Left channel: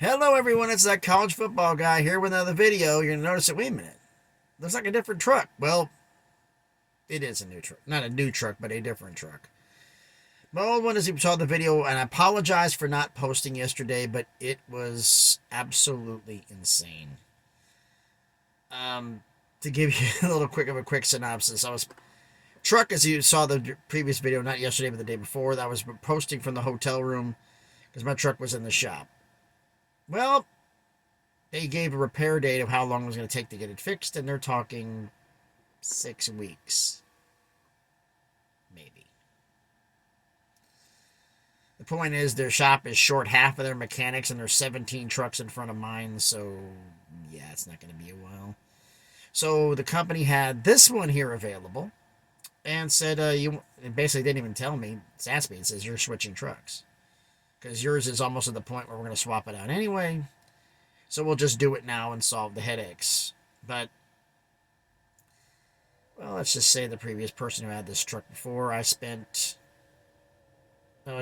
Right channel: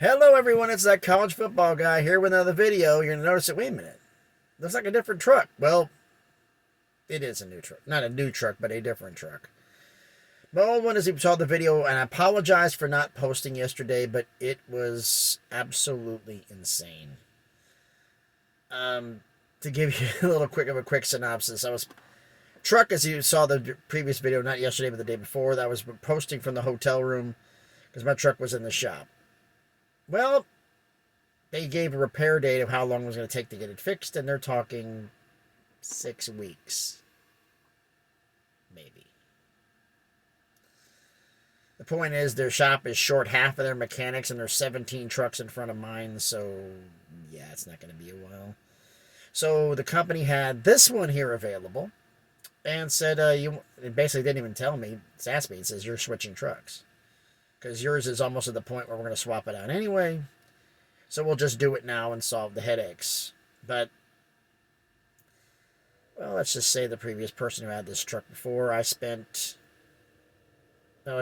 Hello everyone, it's that college football guy here with another video. You're going to notice that, wait a minute, looks like a different truck. Well, it is a new truck. Not a new truck, but a different truck. My old one, as you saw the video, and I apologize for not posting yesterday, but it was absolutely insane. To give you a quick synopsis, truck, as you saw the previous video, not yesterday, but the day before, that I was posting from the hotel room because my truck was in the shop. Well, they gave a repair date of how long it was going to take to get it fixed, and they're talking 6 weeks. Maybe. The point is, their shop is short half of their mechanics, and there's 17 trucks in front of mine, so yeah, it's not going to be a while. So the company had this one here available, and said, it basically didn't even tell me, it's asked me, it says, you're switching trucks. Because yours is almost at the point where we're going to swap it out anyway. So we'll just do it now and solve the headaches. But, well, let's just say the previous person who had this truck before, it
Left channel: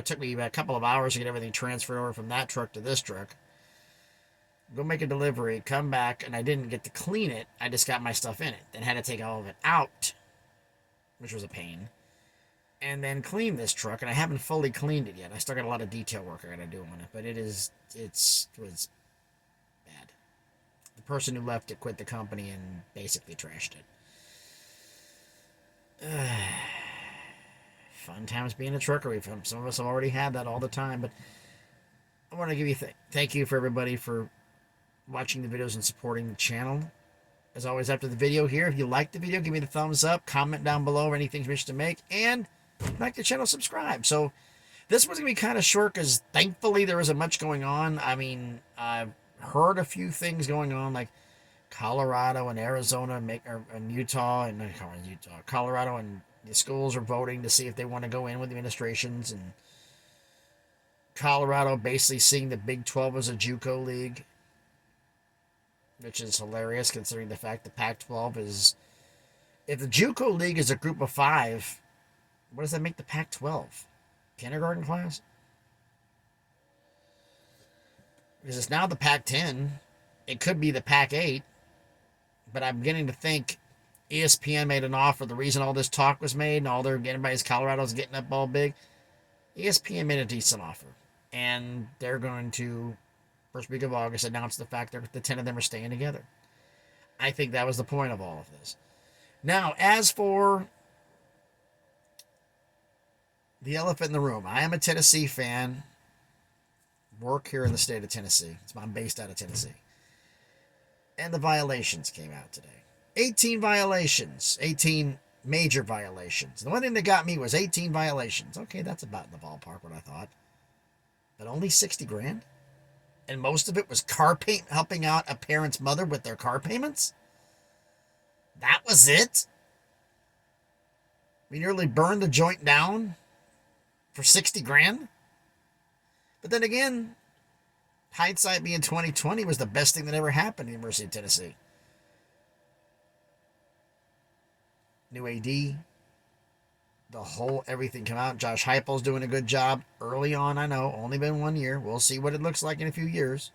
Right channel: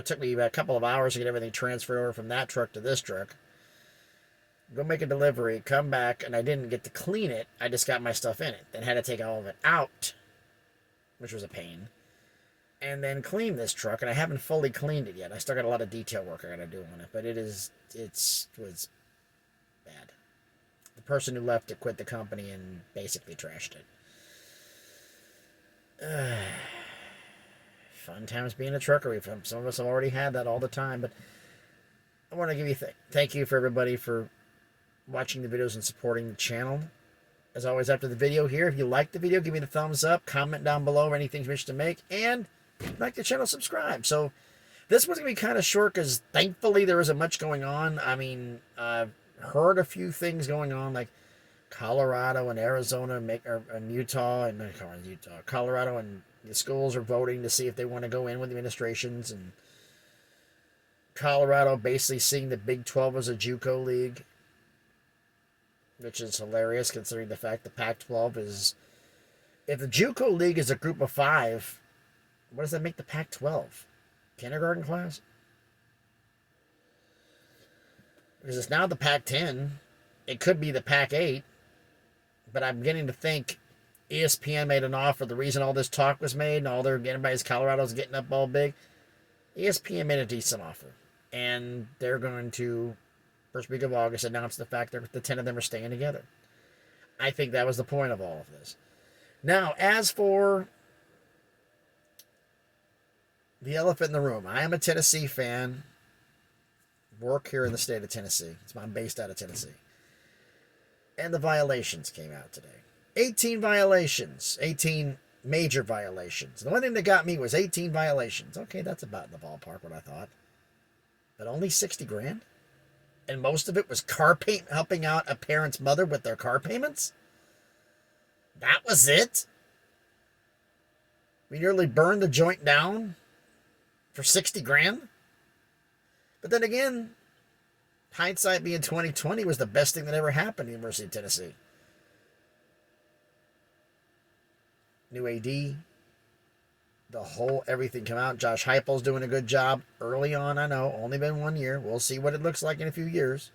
took me about a couple of hours to get everything transferred over from that truck to this truck. Go make a delivery, come back, and I didn't get to clean it. I just got my stuff in it. Then had to take all of it out, which was a pain. And then clean this truck, and I haven't fully cleaned it yet. I still got a lot of detail work I got to do on it, but it was bad. The person who left it quit the company and basically trashed it. Fun times being a trucker. Some of us have already had that all the time, but I want to give you thank you for everybody for watching the videos and supporting the channel. As always, after the video here, if you like the video, give me the thumbs up, comment down below anything you wish to make, and like the channel, subscribe. So this was going to be kind of short because thankfully there isn't much going on. I mean, I've heard a few things going on, like Colorado and Arizona and Utah and Colorado and the schools are voting to see if they want to go in with the administrations, and Colorado basically seeing the Big 12 as a JUCO league, which is hilarious considering the fact the Pac-12 is, if the JUCO league is a group of 5, what does that make the Pac-12? Kindergarten class? Because it's now the Pac-10. It could be the Pac-8. But I'm beginning to think ESPN made an offer. The reason all this talk was made and all they're getting by is Colorado's getting up all big. ESPN made a decent offer. And they're going to, first week of August, announce the fact that the 10 of them are staying together. I think that was the point of all of this. Now, as for the elephant in the room, I am a Tennessee fan. Work here in the state of Tennessee. I'm based out of Tennessee. And the violations came out today. 18 violations. 18 major violations. The one thing that got me was 18 violations. Okay, that's about in the ballpark what I thought. But only 60 grand? And most of it was helping out a parent's mother with their car payments? That was it? We nearly burned the joint down for 60 grand? But then again, hindsight being 2020 was the best thing that ever happened to the University of Tennessee. New AD, everything come out. Josh Heupel's doing a good job early on. I know, only been 1 year. We'll see what it looks like in a few years.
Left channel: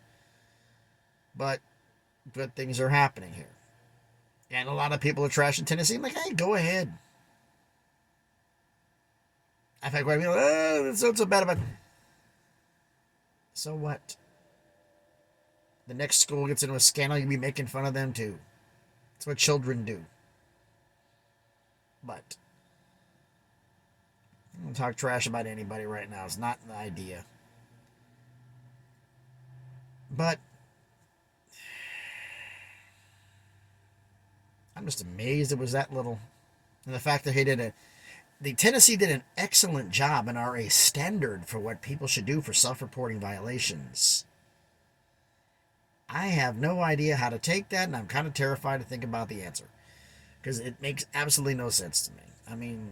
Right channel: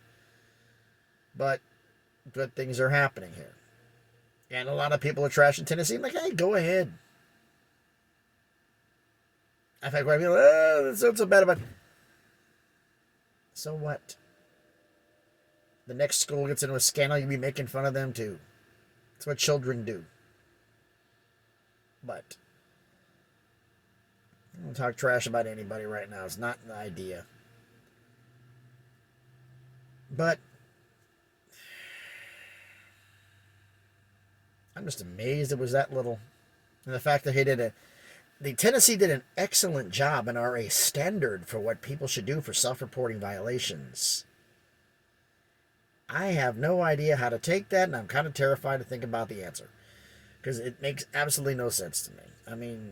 But good things are happening here. And a lot of people are trashing Tennessee. I'm like, hey, go ahead. I think I feel, it's not so bad about. So what? The next school gets into a scandal, you'll be making fun of them too. That's what children do. But I don't talk trash about anybody right now. It's not the idea. But I'm just amazed it was that little. And the fact that the Tennessee did an excellent job and are a standard for what people should do for self-reporting violations. I have no idea how to take that, and I'm kind of terrified to think about the answer. Because it makes absolutely no sense to me. I mean,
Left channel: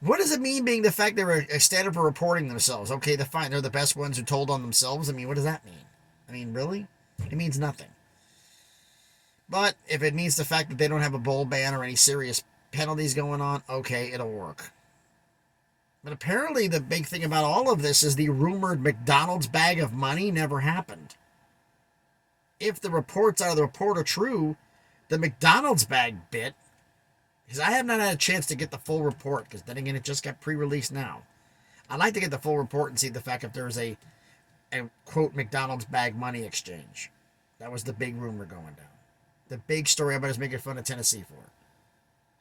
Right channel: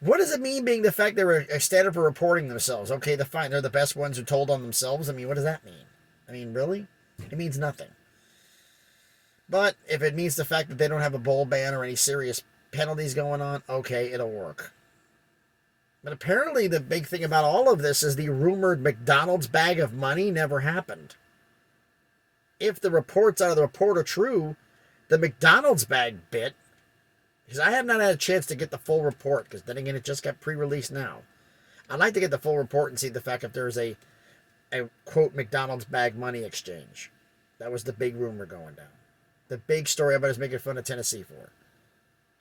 what does it mean being the fact they're a standard for reporting themselves? Okay, fine, they're the best ones who told on themselves. I mean, what does that mean? I mean, really? It means nothing. But if it means the fact that they don't have a bowl ban or any serious penalties going on, okay, it'll work. But apparently the big thing about all of this is the rumored McDonald's bag of money never happened. If the reports out of the report are true, the McDonald's bag bit, because I have not had a chance to get the full report, because then again, it just got pre-released now. I'd like to get the full report and see the fact if there's a quote McDonald's bag money exchange. That was the big rumor going down. The big story everybody's making fun of Tennessee for.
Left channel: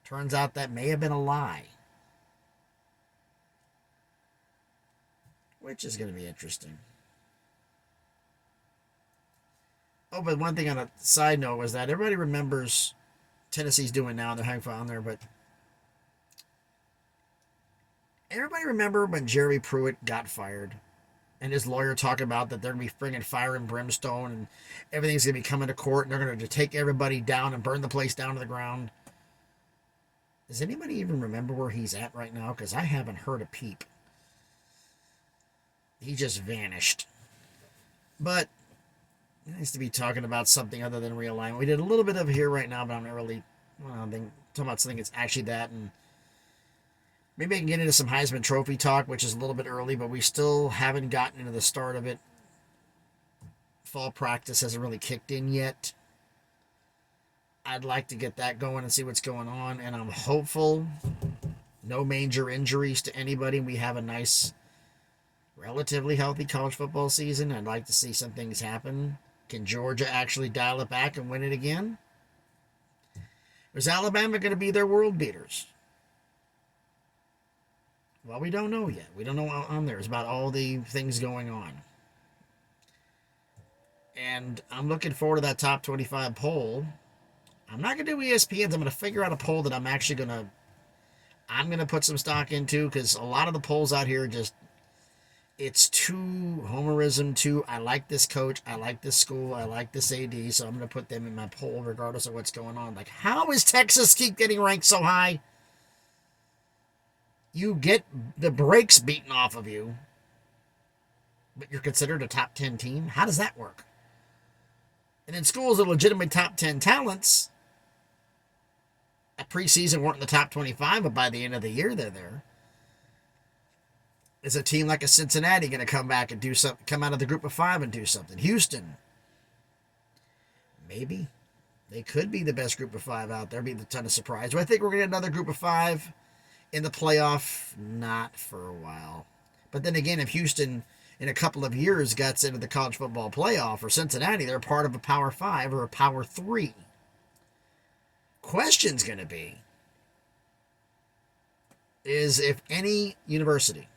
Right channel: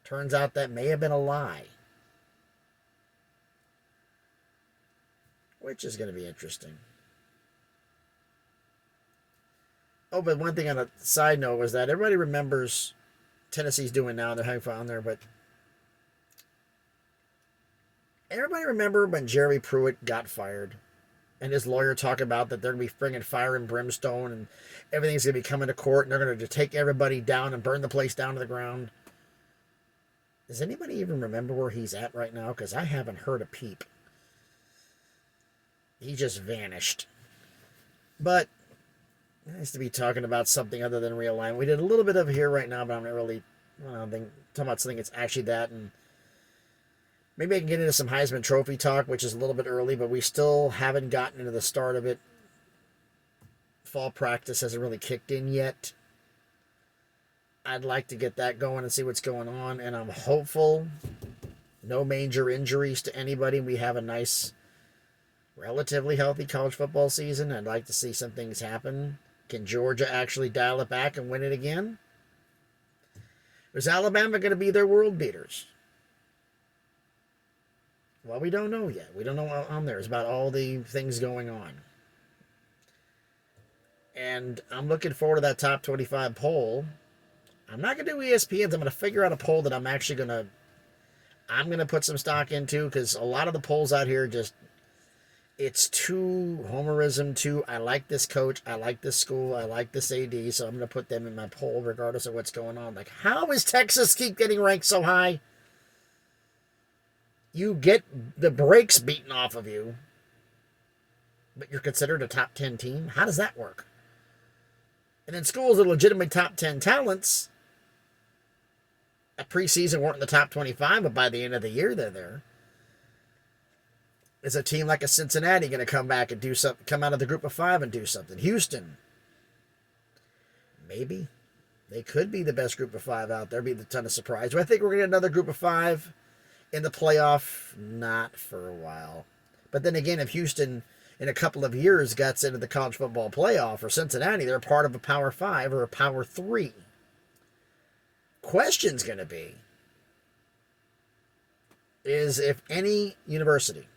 Turns out that may have been a lie. Which is going to be interesting. Oh, but one thing on a side note was that everybody remembers Tennessee's doing now. They're having fun there, but everybody remember when Jerry Pruitt got fired and his lawyer talked about that they're going to be bringing fire and brimstone and everything's going to be coming to court and they're going to take everybody down and burn the place down to the ground. Does anybody even remember where he's at right now? Because I haven't heard a peep. He just vanished. But it nice to be talking about something other than realignment. We did a little bit of it here right now, but I'm not really talking about something that's actually that. And maybe I can get into some Heisman Trophy talk, which is a little bit early, but we still haven't gotten into the start of it. Fall practice hasn't really kicked in yet. I'd like to get that going and see what's going on, and I'm hopeful no major injuries to anybody. We have a nice, relatively healthy college football season. I'd like to see some things happen. Can Georgia actually dial it back and win it again? Is Alabama going to be their world beaters? Well, we don't know yet. We don't know on there. It's about all the things going on. And I'm looking forward to that top 25 poll. I'm not going to do ESPN's. I'm going to figure out a poll that I'm going to put some stock into, because a lot of the polls out here just, it's too homerism, too, I like this coach, I like this school, I like this AD, so I'm going to put them in my poll regardless of what's going on. Like, how is Texas keep getting ranked so high? You get the brakes beaten off of you, but you're considered a top 10 team? How does that work? And then schools that are legitimate top 10 talents at preseason weren't in the top 25, but by the end of the year, they're there. Is a team like a Cincinnati going to come back and do something, come out of the group of 5 and do something? Houston, maybe. They could be the best group of 5 out there. Be a ton of surprise. Do I think we're going to get another group of 5 in the playoff? Not for a while. But then again, if Houston in a couple of years gets into the college football playoff, or Cincinnati, they're part of a Power 5 or a Power 3. Question's going to be is if any university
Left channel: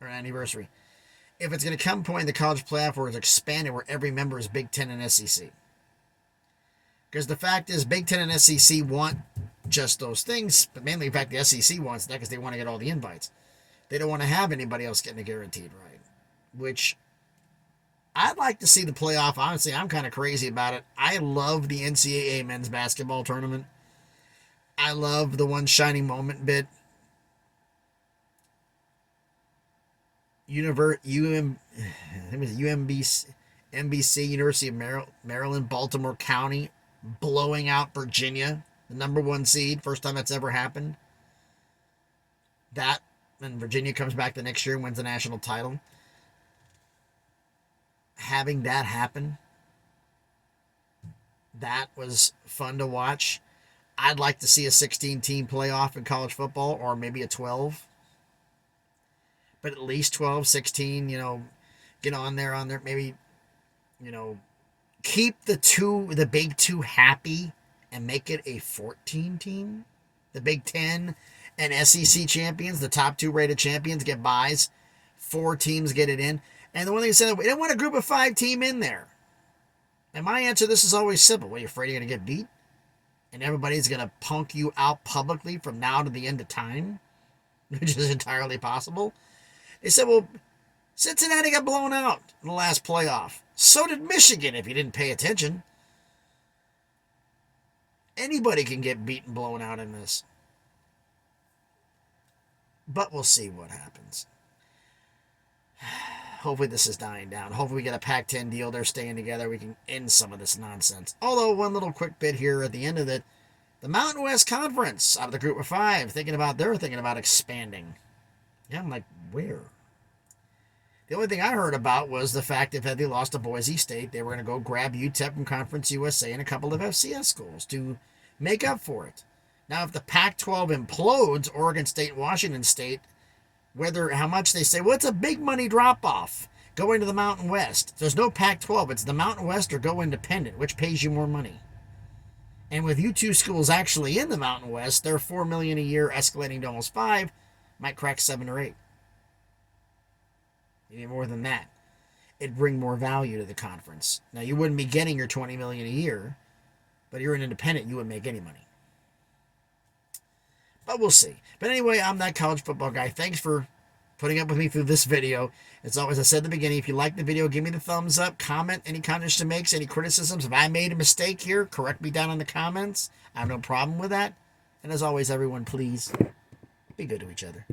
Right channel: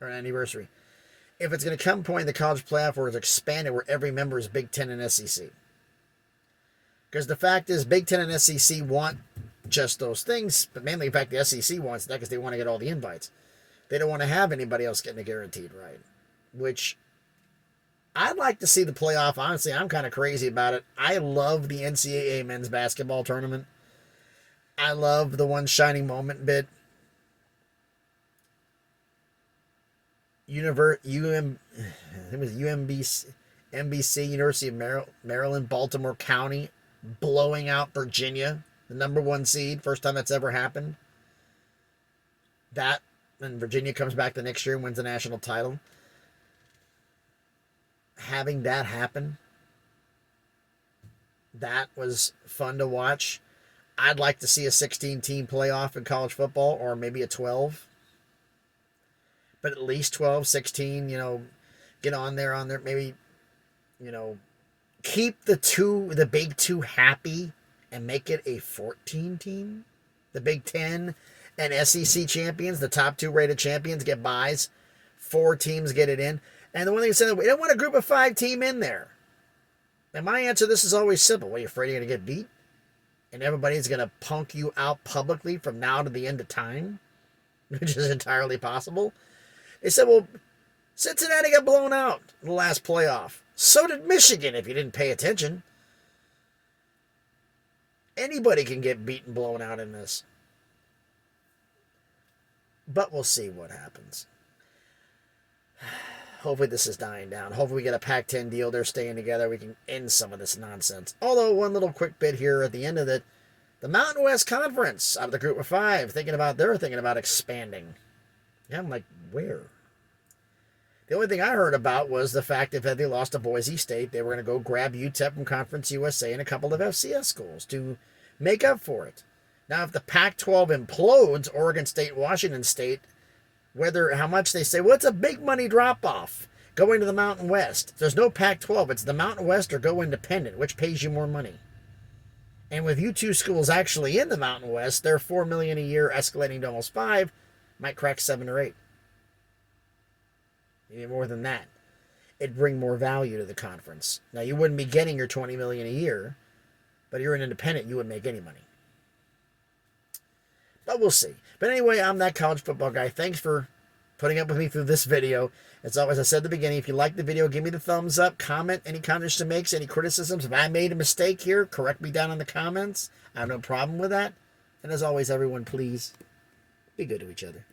or an anniversary, if it's going to come a point in the college playoff where it's expanded, where every member is Big Ten and SEC. Because the fact is, Big Ten and SEC want just those things, but mainly, in fact, the SEC wants that because they want to get all the invites. They don't want to have anybody else getting a guaranteed right, which I'd like to see the playoff. Honestly, I'm kind of crazy about it. I love the NCAA men's basketball tournament. I love the one shining moment bit. NBC, University of Maryland, Baltimore County, blowing out Virginia, the number 1 seed. First time that's ever happened. That, and Virginia comes back the next year and wins the national title. Having that happen, that was fun to watch. I'd like to see a 16-team playoff in college football, or maybe a 12. But at least 12, 16, get on there, maybe, keep the big 2 happy and make it a 14 team. The Big Ten and SEC champions, the top 2 rated champions, get buys. 4 teams get it in. And the one thing I said, we don't want a group of 5 team in there. And my answer to this is always simple. What, are you afraid you're going to get beat? And everybody's going to punk you out publicly from now to the end of time? Which is entirely possible. They said, well, Cincinnati got blown out in the last playoff. So did Michigan, if you didn't pay attention. Anybody can get beaten, blown out in this. But we'll see what happens. Hopefully this is dying down. Hopefully we get a Pac-10 deal. They're staying together. We can end some of this nonsense. Although, one little quick bit here at the end of it. The Mountain West Conference, out of the group of 5, thinking about expanding. Yeah, I'm like, where? The only thing I heard about was the fact that if they lost to Boise State, they were going to go grab UTEP from Conference USA and a couple of FCS schools to make up for it. Now, if the Pac-12 implodes, Oregon State, Washington State, how much they say, well, it's a big money drop-off going to the Mountain West. There's no Pac-12. It's the Mountain West or go independent, which pays you more money. And with you two schools actually in the Mountain West, they're $4 million a year, escalating to almost $5 million, might crack 7 or 8. Maybe more than that. It'd bring more value to the conference. Now, you wouldn't be getting your $20 million a year, but if you're an independent, you wouldn't make any money. But we'll see. But anyway, I'm that college football guy. Thanks for putting up with me through this video. As always, I said at the beginning, if you like the video, give me the thumbs up, comment any contributions, any criticisms. If I made a mistake here, correct me down in the comments. I have no problem with that. And as always, everyone, please be good to each other.